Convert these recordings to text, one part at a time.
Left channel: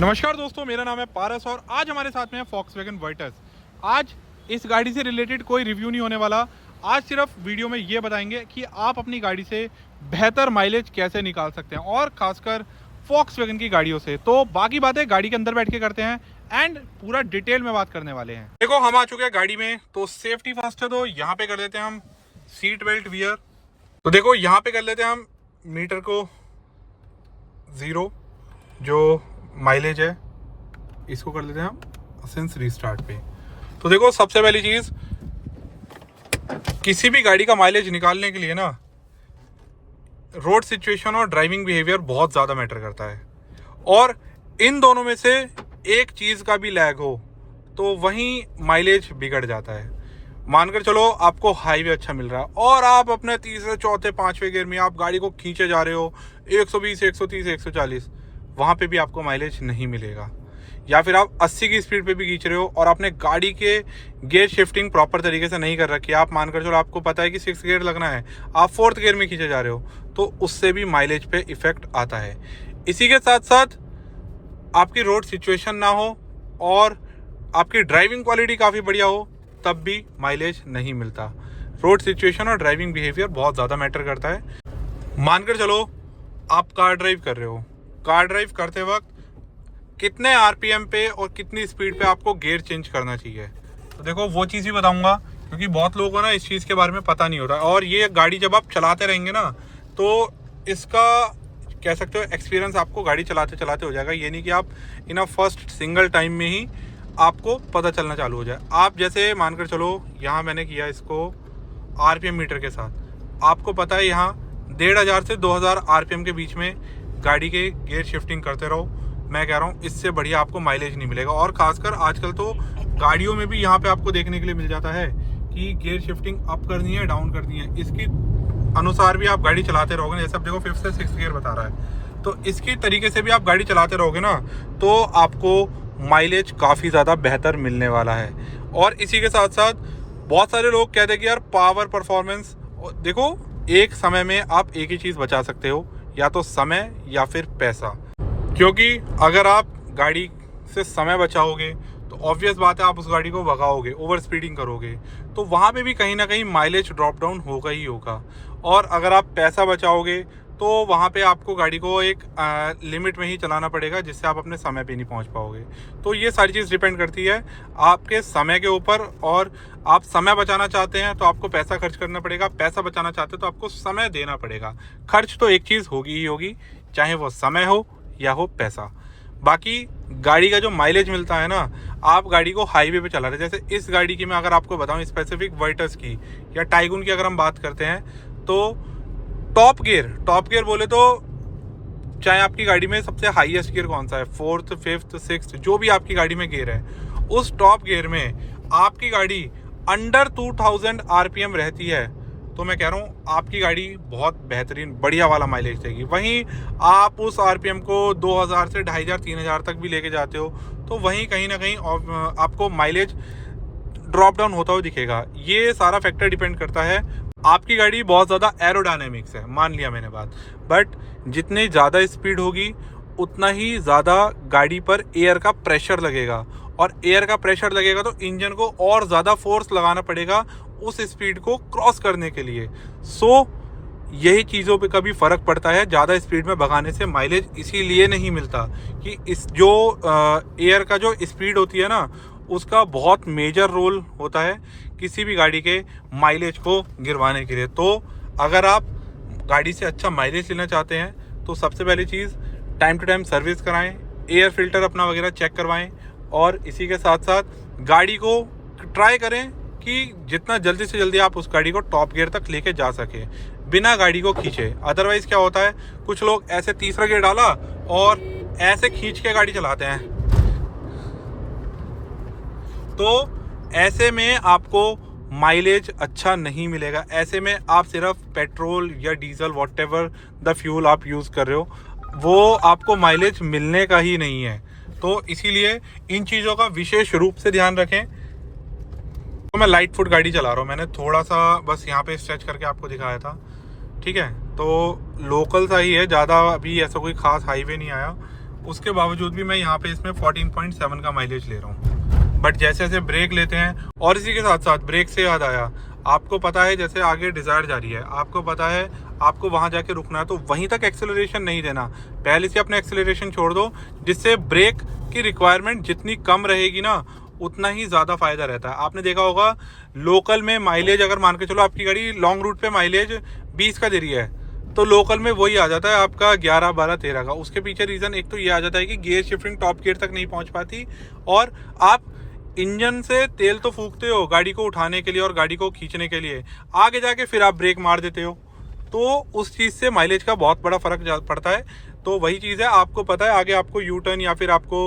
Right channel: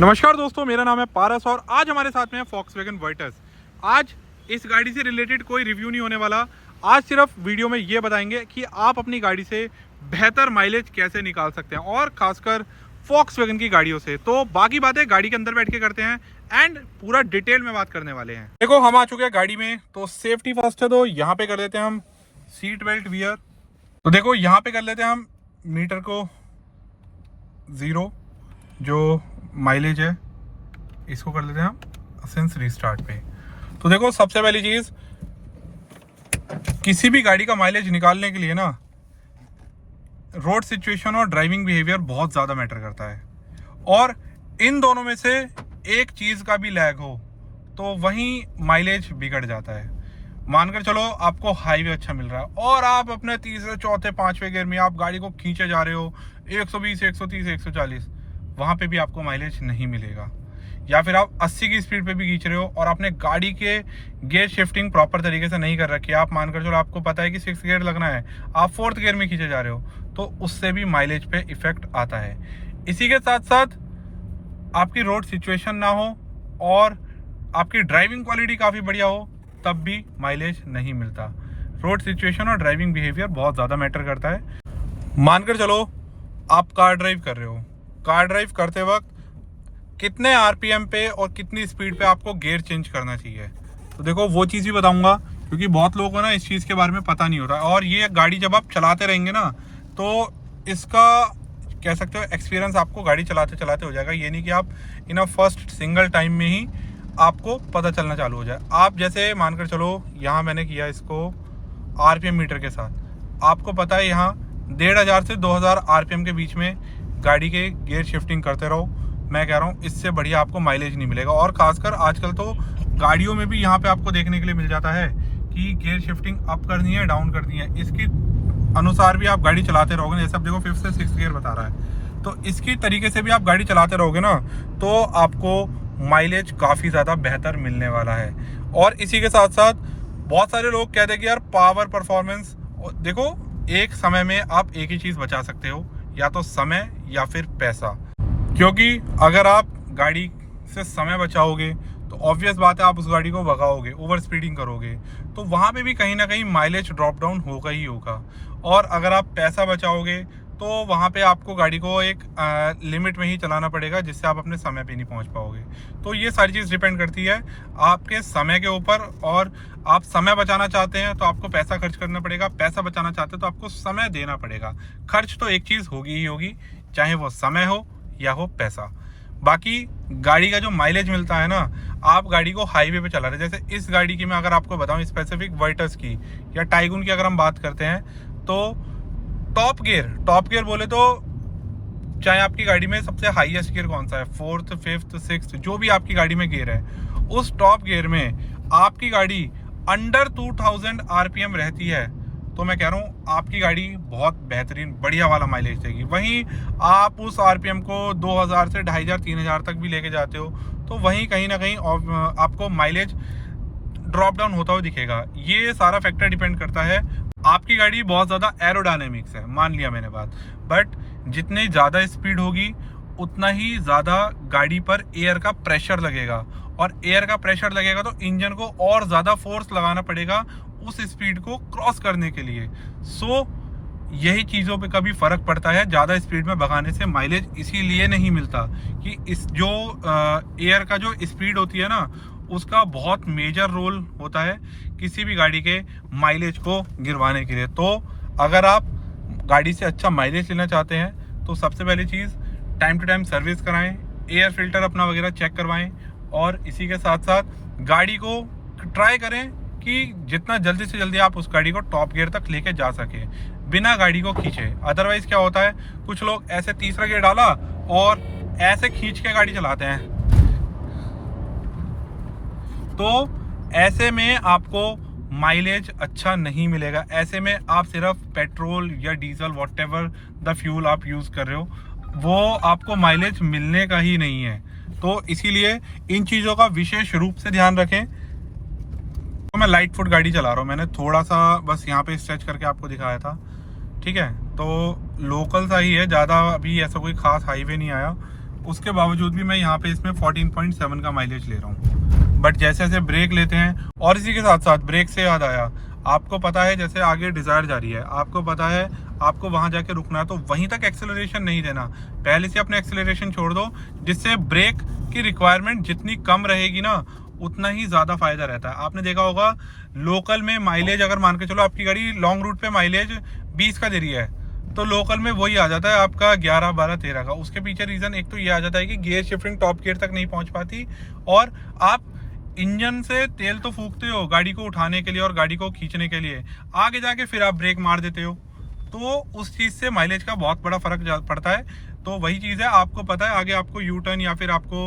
नमस्कार दोस्तों, मेरा नाम है पारस और आज हमारे साथ में है Volkswagen Virtus। आज इस गाड़ी से रिलेटेड कोई रिव्यू नहीं होने वाला। आज सिर्फ वीडियो में ये बताएंगे कि आप अपनी गाड़ी से बेहतर माइलेज कैसे निकाल सकते हैं और खासकर Volkswagen की गाड़ियों से। तो बाकी बातें गाड़ी के अंदर बैठ के करते हैं एंड पूरा डिटेल में बात करने वाले हैं। देखो, हम आ चुके हैं गाड़ी में, तो सेफ्टी फर्स्ट है, तो यहाँ पे कर लेते हैं हम सीट बेल्ट वियर। तो देखो, यहाँ पे कर लेते हैं हम मीटर को 0, जो माइलेज है इसको कर लेते हैं हम सिंस रीस्टार्ट पे। तो देखो, सबसे पहली चीज, किसी भी गाड़ी का माइलेज निकालने के लिए ना रोड सिचुएशन और ड्राइविंग बिहेवियर बहुत ज़्यादा मैटर करता है, और इन दोनों में से एक चीज़ का भी लैग हो तो वहीं माइलेज बिगड़ जाता है। मानकर चलो आपको हाईवे अच्छा मिल रहा है और आप अपने तीसरे चौथे पांचवें गियर में आप गाड़ी को खींचे जा रहे हो 120 130 140, वहाँ पे भी आपको माइलेज नहीं मिलेगा। या फिर आप 80 की स्पीड पे भी खींच रहे हो और आपने गाड़ी के गियर शिफ्टिंग प्रॉपर तरीके से नहीं कर रखी है, आप मानकर चलो आपको पता है कि 6 गियर लगना है, आप 4th गियर में खींचे जा रहे हो, तो उससे भी माइलेज पे इफेक्ट आता है। इसी के साथ साथ आपकी रोड सिचुएशन ना हो और आपकी ड्राइविंग क्वालिटी काफ़ी बढ़िया हो, तब भी माइलेज नहीं मिलता। रोड सिचुएशन और ड्राइविंग बिहेवियर बहुत ज़्यादा मैटर करता है। मानकर चलो आप कार ड्राइव कर रहे हो, कार ड्राइव करते वक्त कितने आरपीएम पे और कितनी स्पीड पे आपको गियर चेंज करना चाहिए, तो देखो वो चीज़ भी बताऊंगा, क्योंकि बहुत लोगों को ना इस चीज़ के बारे में पता नहीं होता। और ये गाड़ी जब आप चलाते रहेंगे ना, तो इसका कह सकते हो एक्सपीरियंस आपको गाड़ी चलाते चलाते हो जाएगा। ये नहीं कि आप इन अ फर्स्ट सिंगल टाइम में ही आपको पता चलना चालू हो जाए। आप जैसे मानकर चलो, यहाँ मैंने किया इसको आरपीएम मीटर के साथ, आपको पता है यहाँ 1500 से 2000 आरपीएम के बीच में गाड़ी के गियर शिफ्टिंग करते रहो। मैं कह रहा हूँ इससे बढ़िया आपको माइलेज नहीं मिलेगा। और खासकर आजकल तो गाड़ियों में भी यहाँ पे आपको देखने के लिए मिल जाता है कि गियर शिफ्टिंग अप करनी है, डाउन करनी है, इसकी अनुसार भी आप गाड़ी चलाते रहोगे। जैसे अब देखो 5th से 6th गियर बता रहा है, तो इसकी तरीके से भी आप गाड़ी चलाते रहोगे ना, तो आपको माइलेज काफ़ी ज़्यादा बेहतर मिलने वाला है। और इसी के साथ साथ बहुत सारे लोग कहते हैं कि यार पावर परफॉर्मेंस, देखो एक समय में आप एक ही चीज़ बचा सकते हो, या तो समय या फिर पैसा। क्योंकि अगर आप गाड़ी से समय बचाओगे तो ऑब्वियस बात है आप उस गाड़ी को भगाओगे, ओवर स्पीडिंग करोगे, तो वहाँ पे भी कहीं ना कहीं माइलेज ड्रॉप डाउन होगा ही होगा। और अगर आप पैसा बचाओगे तो वहाँ पे आपको गाड़ी को एक लिमिट में ही चलाना पड़ेगा, जिससे आप अपने समय पे नहीं पहुँच पाओगे। तो ये सारी चीज़ डिपेंड करती है आपके समय के ऊपर। और आप समय बचाना चाहते हैं तो आपको पैसा खर्च करना पड़ेगा, पैसा बचाना चाहते हैं तो आपको समय देना पड़ेगा। खर्च तो एक चीज़ होगी ही होगी, चाहे वो समय हो या हो पैसा। बाकी गाड़ी का जो माइलेज मिलता है ना, आप गाड़ी को हाईवे पे चला रहे, जैसे इस गाड़ी की मैं अगर आपको बताऊं स्पेसिफिक वर्टस की या टाइगून की अगर हम बात करते हैं, तो टॉप गियर बोले तो चाहे आपकी गाड़ी में सबसे हाईएस्ट गियर कौन सा है, 4th 5th 6th, जो भी आपकी गाड़ी में गियर है, उस टॉप गियर में आपकी गाड़ी अंडर 2000 आरपीएम रहती है, तो मैं कह रहा हूँ आपकी गाड़ी बहुत बेहतरीन बढ़िया वाला माइलेज देगी। वहीं आप उस आरपीएम को 2000 से 2500 3000 तक भी लेके जाते हो, तो वहीं कहीं ना कहीं आपको माइलेज ड्रॉप डाउन होता हुआ दिखेगा। ये सारा फैक्टर डिपेंड करता है। आपकी गाड़ी बहुत ज़्यादा एरोडायनेमिक्स है, मान लिया मैंने बात, बट जितनी ज़्यादा स्पीड होगी उतना ही ज़्यादा गाड़ी पर एयर का प्रेशर लगेगा, और एयर का प्रेशर लगेगा तो इंजन को और ज़्यादा फोर्स लगाना पड़ेगा उस स्पीड को क्रॉस करने के लिए। यही चीज़ों पे कभी फ़र्क पड़ता है। ज़्यादा स्पीड में भगाने से माइलेज इसीलिए नहीं मिलता कि इस जो एयर का जो स्पीड होती है ना, उसका बहुत मेजर रोल होता है किसी भी गाड़ी के माइलेज को गिरवाने के लिए। तो अगर आप गाड़ी से अच्छा माइलेज लेना चाहते हैं तो सबसे पहली चीज़, टाइम टू टाइम सर्विस कराएं, एयर फिल्टर अपना वगैरह चेक करवाएं, और इसी के साथ साथ गाड़ी को ट्राई करें कि जितना जल्दी से जल्दी आप उस गाड़ी को टॉप गियर तक लेके जा सके बिना गाड़ी को खींचे। अदरवाइज क्या होता है, कुछ लोग ऐसे तीसरा गियर डाला और ऐसे खींच के गाड़ी चलाते हैं, तो ऐसे में आपको माइलेज अच्छा नहीं मिलेगा। ऐसे में आप सिर्फ पेट्रोल या डीजल व्हाटएवर द फ्यूल आप यूज़ कर रहे हो, वो आपको माइलेज मिलने का ही नहीं है। तो इसीलिए इन चीज़ों का विशेष रूप से ध्यान रखें। तो मैं लाइट फुट गाड़ी चला रहा हूँ, मैंने थोड़ा सा बस यहाँ पे स्ट्रेच करके आपको दिखाया था, ठीक है। तो लोकल सा ही है, ज़्यादा अभी ऐसा कोई खास हाईवे नहीं आया, उसके बावजूद भी मैं यहाँ पे इसमें 14.7 का माइलेज ले रहा हूँ। बट जैसे जैसे ब्रेक लेते हैं, और इसी के साथ साथ ब्रेक से याद आया, आपको पता है जैसे आगे डिज़ायर जा रही है, आपको पता है आपको वहाँ जाके रुकना है, तो वहीं तक एक्सेलरेशन नहीं देना, पहले से अपने एक्सेलरेशन छोड़ दो, जिससे ब्रेक की रिक्वायरमेंट जितनी कम रहेगी ना उतना ही ज़्यादा फायदा रहता है। आपने देखा होगा लोकल में माइलेज, अगर मान के चलो आपकी गाड़ी लॉन्ग रूट पे माइलेज 20 का दे रही है, तो लोकल में वही आ जाता है आपका 11, 12, 13 का। उसके पीछे रीज़न एक तो ये आ जाता है कि गियर शिफ्टिंग टॉप गियर तक नहीं पहुंच पाती, और आप इंजन से तेल तो फूकते हो गाड़ी को उठाने के लिए और गाड़ी को खींचने के लिए, आगे जाके फिर आप ब्रेक मार देते हो, तो उस चीज़ से माइलेज का बहुत बड़ा फर्क पड़ता है। तो वही चीज़ है, आपको पता है आगे आपको यू टर्न या फिर आपको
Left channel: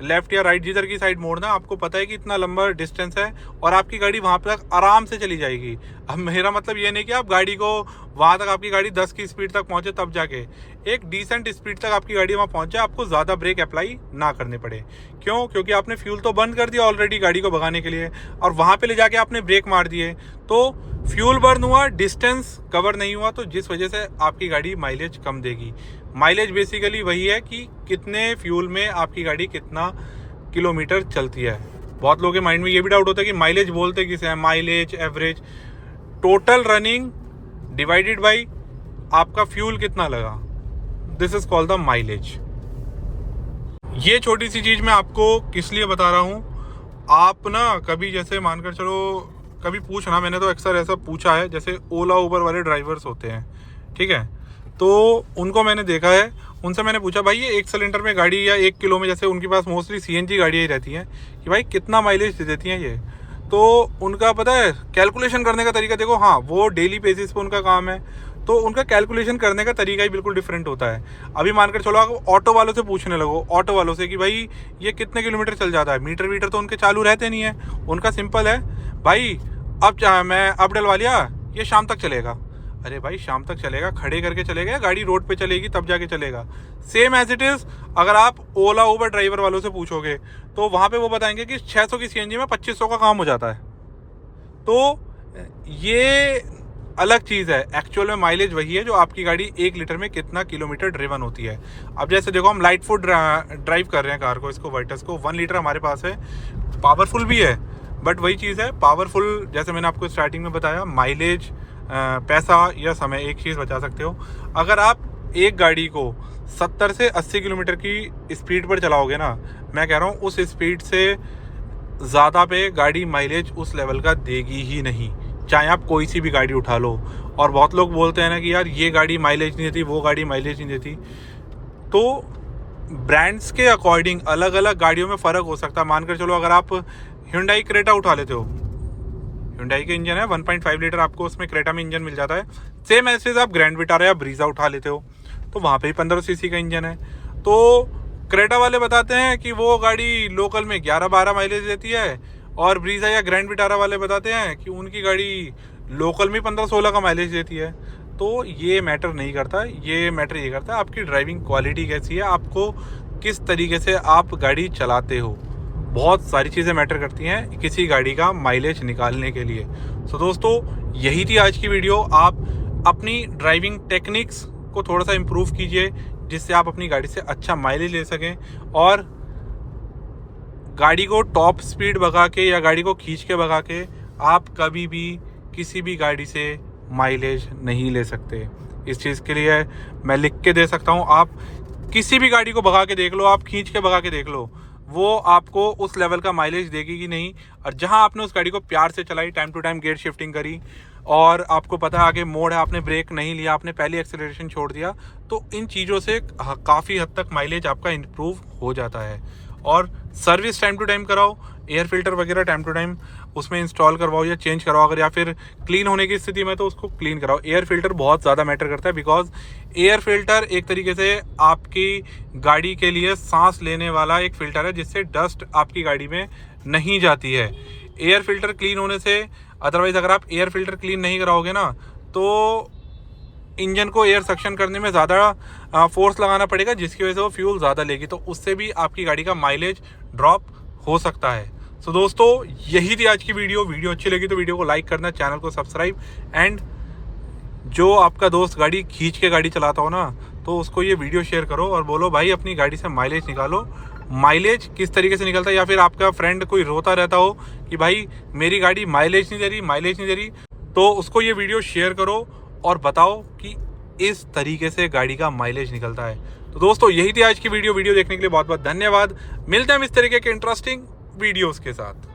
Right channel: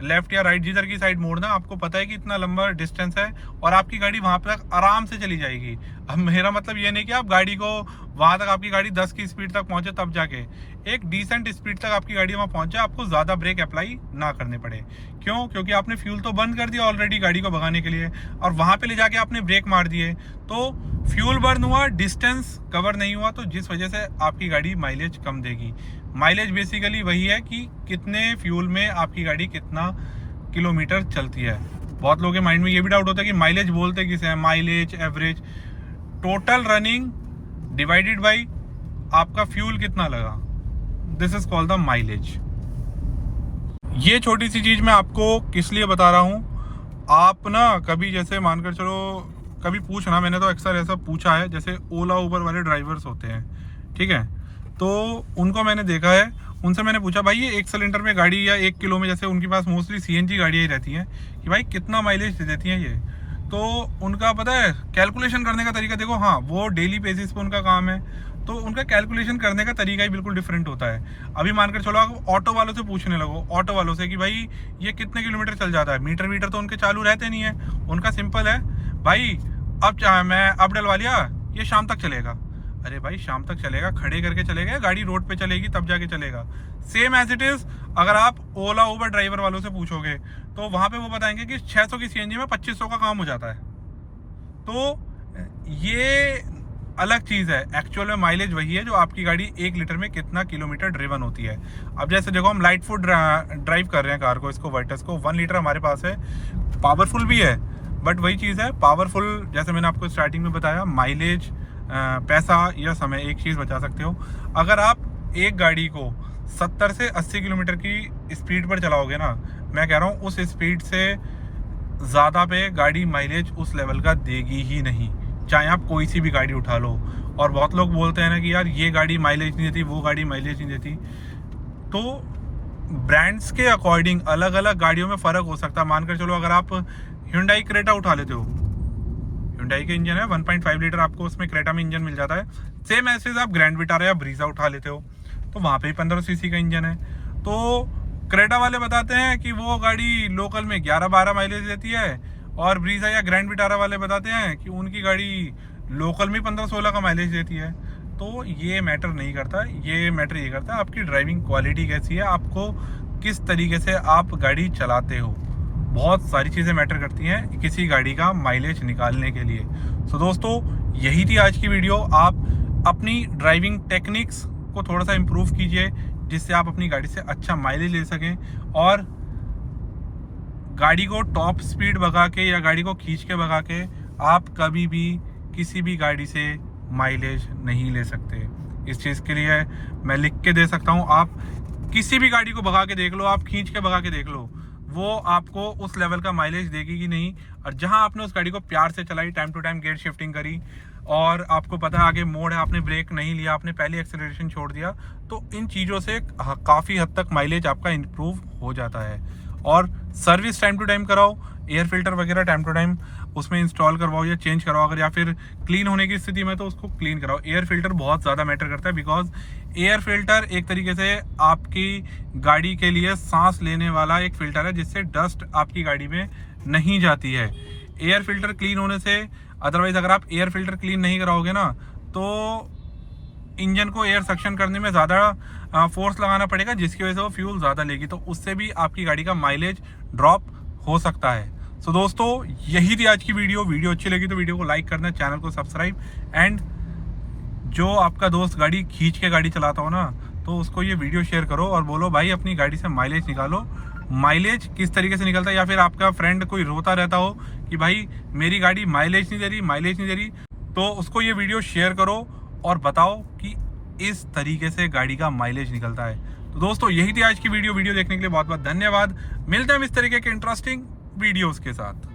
लेफ्ट या राइट जिधर की साइड मोड़ना, आपको पता है कि इतना लंबा डिस्टेंस है और आपकी गाड़ी वहाँ तक आराम से चली जाएगी। अब मेरा मतलब ये नहीं कि आप गाड़ी को वहाँ तक, आपकी गाड़ी 10 की स्पीड तक पहुँचे तब जाके, एक डिसेंट स्पीड तक आपकी गाड़ी वहाँ पहुँच जाए, आपको ज़्यादा ब्रेक अप्लाई ना करने पड़े। क्यों? क्योंकि आपने फ्यूल तो बंद कर दिया ऑलरेडी गाड़ी को भगाने के लिए, और वहाँ पे ले जाके आपने ब्रेक मार दिए, तो फ्यूल बर्न हुआ, डिस्टेंस कवर नहीं हुआ, तो जिस वजह से आपकी गाड़ी माइलेज कम देगी। माइलेज बेसिकली वही है कि कितने फ्यूल में आपकी गाड़ी कितना किलोमीटर चलती है। बहुत लोगों के माइंड में ये भी डाउट होता है कि माइलेज बोलते किसे हैं, mileage, average, total running divided by आपका फ्यूल कितना लगा, this is called the mileage. ये छोटी सी चीज़ मैं आपको किस लिए बता रहा हूँ, आप ना कभी जैसे मानकर चलो, कभी पूछना, मैंने तो अक्सर ऐसा पूछा है, जैसे ओला उबर वाले ड्राइवर्स होते हैं, ठीक है, तो उनको मैंने देखा है, उनसे मैंने पूछा भाई ये 1 सिलेंडर में गाड़ी या 1 किलो में, जैसे उनके पास मोस्टली सीएनजी गाड़ियाँ ही रहती हैं, कि भाई कितना माइलेज दे देती हैं ये, तो उनका पता है कैलकुलेशन करने का तरीका देखो। हाँ, वो डेली बेसिस पे उनका काम है, तो उनका कैलकुलेशन करने का तरीका ही बिल्कुल डिफरेंट होता है। अभी मानकर चलो आप ऑटो वालों से पूछने लगो, ऑटो वालों से कि भाई ये कितने किलोमीटर चल जाता है, मीटर वीटर तो उनके चालू रहते नहीं है, उनका सिंपल है, भाई अब मैं अब डलवा लिया, ये शाम तक चलेगा। अरे भाई शाम तक चलेगा, खड़े करके चलेगा, गाड़ी रोड पे चलेगी तब जाके चलेगा। सेम एज इट इज़ अगर आप ओला उबर ड्राइवर वालों से पूछोगे, तो वहाँ पे वो बताएंगे कि 600 की सीएनजी में 2500 का काम हो जाता है। तो ये अलग चीज़ है, एक्चुअल में माइलेज वही है जो आपकी गाड़ी 1 लीटर में कितना किलोमीटर ड्रिवन होती है। अब जैसे देखो हम लाइट फुट ड्राइव कर रहे हैं कार को, इसको वर्टस को, 1 लीटर हमारे पास है, पावरफुल भी है, बट वही चीज़ है, पावरफुल जैसे मैंने आपको स्टार्टिंग में बताया, माइलेज, पैसा या समय, एक चीज़ बचा सकते हो। अगर आप एक गाड़ी को 70 से 80 किलोमीटर की स्पीड पर चलाओगे ना, मैं कह रहा हूँ उस स्पीड से ज़्यादा पे गाड़ी माइलेज उस लेवल का देगी ही नहीं, चाहे आप कोई सी भी गाड़ी उठा लो। और बहुत लोग बोलते हैं ना कि यार ये गाड़ी माइलेज नहीं देती, वो गाड़ी माइलेज नहीं देती, तो ब्रांड्स के अकॉर्डिंग अलग अलग गाड़ियों में फ़र्क हो सकता है। मानकर चलो अगर आप Hyundai क्रेटा उठा लेते हो, Hyundai के इंजन है 1.5 लीटर, आपको उसमें क्रेटा में इंजन मिल जाता है। सेम ऐसे आप ग्रैंड विटारा या ब्रीजा उठा लेते हो, तो वहाँ पे ही 15 सीसी का इंजन है। तो क्रेटा वाले बताते हैं कि वो गाड़ी लोकल में 11-12 माइलेज देती है, और ब्रीजा या ग्रैंड विटारा वाले बताते हैं कि उनकी गाड़ी लोकल में 15-16 का माइलेज देती है। तो ये मैटर नहीं करता, ये मैटर ये करता है आपकी ड्राइविंग क्वालिटी कैसी है, आपको किस तरीके से आप गाड़ी चलाते हो। बहुत सारी चीज़ें मैटर करती हैं किसी गाड़ी का माइलेज निकालने के लिए। सो दोस्तों, यही थी आज की वीडियो। आप अपनी ड्राइविंग टेक्निक्स को थोड़ा सा इम्प्रूव कीजिए, जिससे आप अपनी गाड़ी से अच्छा माइलेज ले सकें, और गाड़ी को टॉप स्पीड भगा के या गाड़ी को खींच के भगा के आप कभी भी किसी भी गाड़ी से माइलेज नहीं ले सकते। इस चीज़ के लिए मैं लिख के दे सकता हूँ, आप किसी भी गाड़ी को भगा के देख लो, आप खींच के भगा के देख लो, वो आपको उस लेवल का माइलेज देगी कि नहीं। और जहां आपने उस गाड़ी को प्यार से चलाई, time to time gear shifting करी, और आपको पता है आगे मोड़ है, आपने ब्रेक नहीं लिया, आपने पहले एक्सेलरेशन छोड़ दिया, तो इन चीज़ों से काफ़ी हद तक माइलेज आपका इम्प्रूव हो जाता है। और सर्विस टाइम टू टाइम कराओ, एयर फिल्टर वगैरह टाइम टू टाइम उसमें इंस्टॉल करवाओ या चेंज करवाओ, अगर या फिर क्लीन होने की स्थिति में तो उसको क्लीन कराओ। एयर फिल्टर बहुत ज़्यादा मैटर करता है, बिकॉज एयर फिल्टर एक तरीके से आपकी गाड़ी के लिए सांस लेने वाला एक फिल्टर है, जिससे डस्ट आपकी गाड़ी में नहीं जाती है। एयर फिल्टर क्लीन होने से, अदरवाइज अगर आप एयर फिल्टर क्लीन नहीं कराओगे ना, तो इंजन को एयर सक्शन करने में ज़्यादा फोर्स लगाना पड़ेगा, जिसकी वजह से वो फ्यूल ज़्यादा लेगी, तो उससे भी आपकी गाड़ी का माइलेज ड्रॉप हो सकता है। सो दोस्तों, यही थी आज की वीडियो अच्छी लगी तो वीडियो को लाइक करना, चैनल को सब्सक्राइब, एंड जो आपका दोस्त गाड़ी खींच के गाड़ी चलाता हो ना, तो उसको ये वीडियो शेयर करो और बोलो भाई अपनी गाड़ी से माइलेज निकालो, माइलेज किस तरीके से निकलता है। या फिर आपका फ्रेंड कोई रोता रहता हो कि भाई मेरी गाड़ी माइलेज नहीं दे रही, माइलेज नहीं दे रही, तो उसको ये वीडियो शेयर करो और बताओ कि इस तरीके से गाड़ी का माइलेज निकलता है। तो दोस्तों यही थी आज की वीडियो देखने के लिए बहुत बहुत धन्यवाद। मिलते हैं हम इस तरीके के इंटरेस्टिंग वीडियोस के साथ।